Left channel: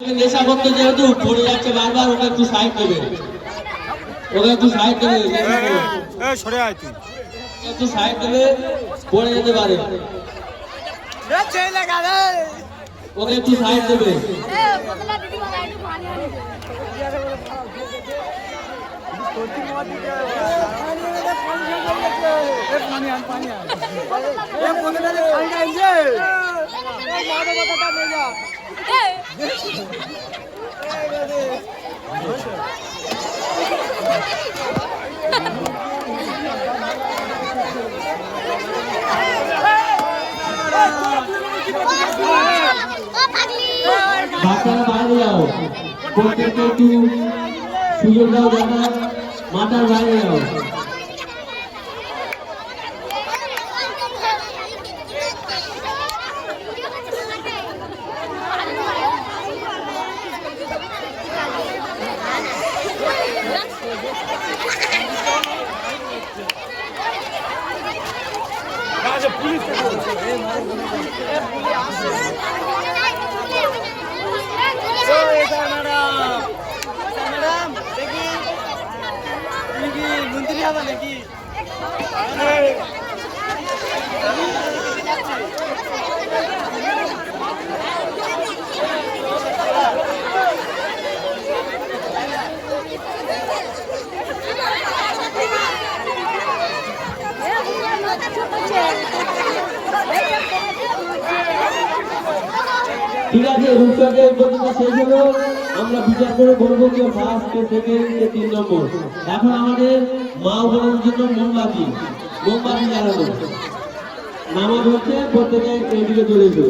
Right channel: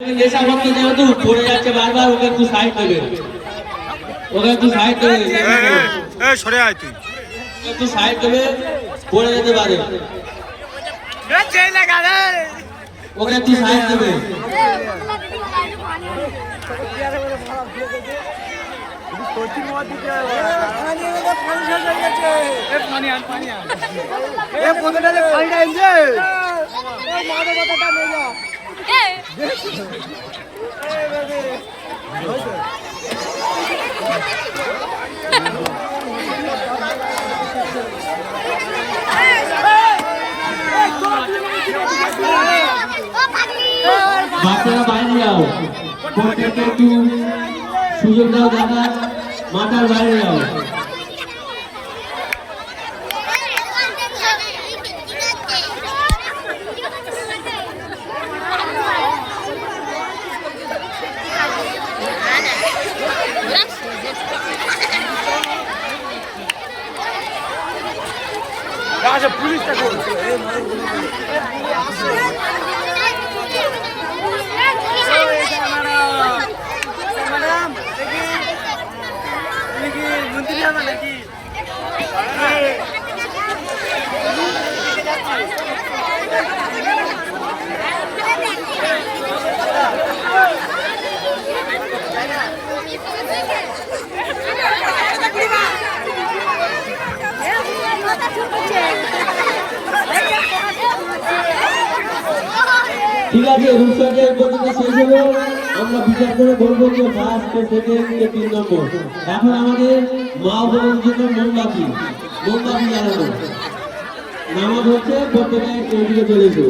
নেশাভক্ত যেহেতু পড়ে যাচ্ছে বারবার, ওকে একটু সাইড দেবে, ওকে একটু সাইড দেবে, সরে আয় তুই, একটু সাইড দেবে, পড়ে যেতে পারে, ওকে একটু সাইড দেবে। বাচ্চারা বাইরে যাও, প্রত্যেককে একটু সুযোগ দাও, দাদা মাথার বাইরে যাও। ঠিক আছে, রূপসাকে এই পর্যন্ত শেষ হলো। আমরা বিচার করে বলবো যে ফার্স্ট সেকেন্ড 3 নম্বর। এখন আমাদের মা বোনের জন্য মোমবাতি জ্বালানো নামাজ হচ্ছে, প্রত্যেকে এদিকে চলে এসো।